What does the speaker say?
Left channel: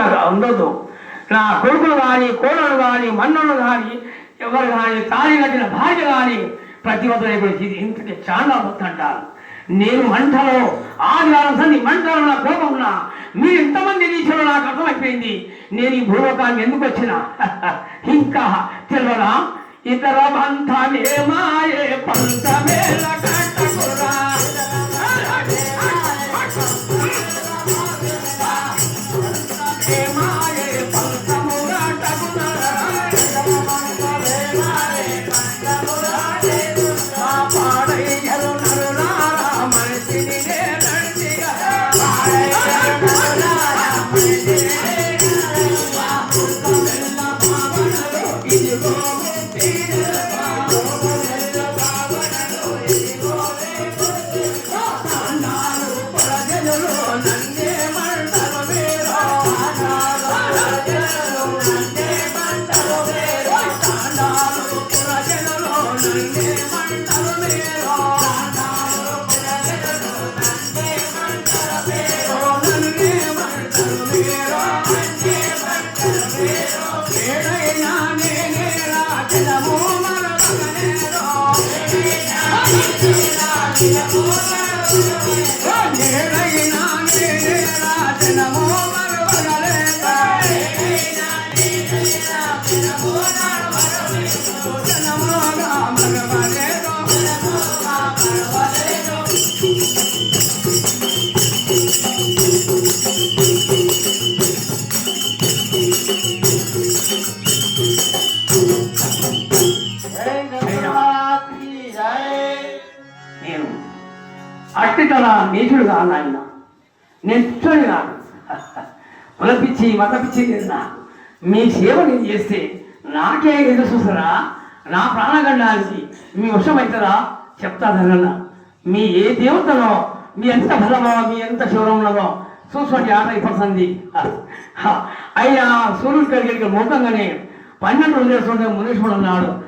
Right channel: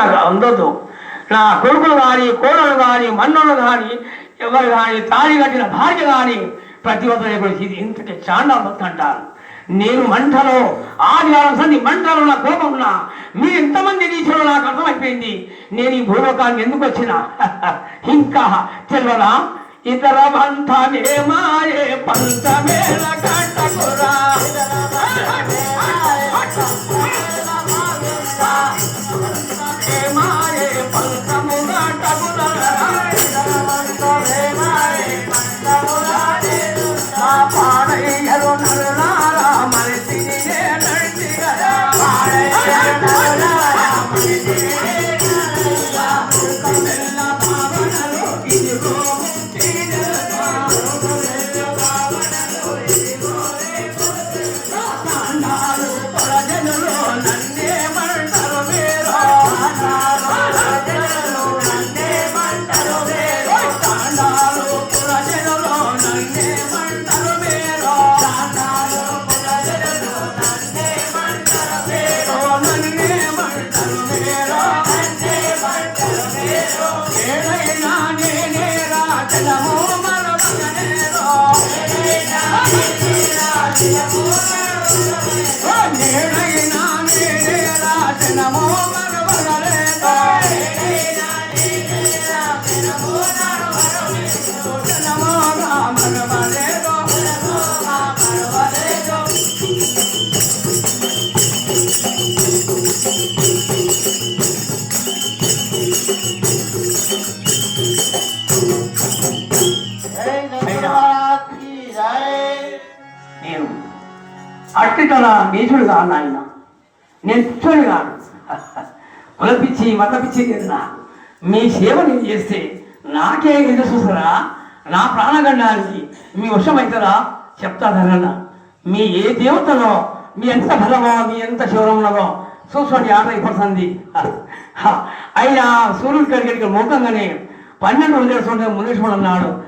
నాకు అందొద్దు. నా కొడుకులు కానీ, కోడలు కానీ, మన్నులు కానీ, ఎవరు కానీ, తాళి కట్టిన భార్య కానీ ప్రతి ఒక్కరు ఇది ఇంతటి చాండాలు భక్తి అంటారు. నేను మంటలో ఆదివారం సంది మంటలో నా కోపం ఉన్నా మీరు ఎంతమంది నీచులో నాకు అర్థమైపోయింది. నేను ఈ భూలోకాన్ని ఎందుకు వచ్చినా ఇంకా తెల్లరా ఇతర బంధమే మాయే పంచమేల కట్టకురా అట్టితన నీచుడు కాదు ఆయన. నేను పిచ్చోని కాదు, కులపిచ్చి మతపిచ్చి తిన్నా. మీ సేవ నేను చేస్తే నాకే ఎదురు చూస్తారా? నా ప్రాణగండానికి మీ వశమవుతారా? చెప్తాదన్న మీ ఏ దేవతలో మీ ఎంత బలమో మీ ఎంత శౌర్యములమో చూసుకోండి. ఆట అయిపోతుంది. అయినా సూర్యుడి కడిగి మొత్తంగానే 12 ఉండేస్తుంటే ముందేశ్వరుడు అన్నాడు.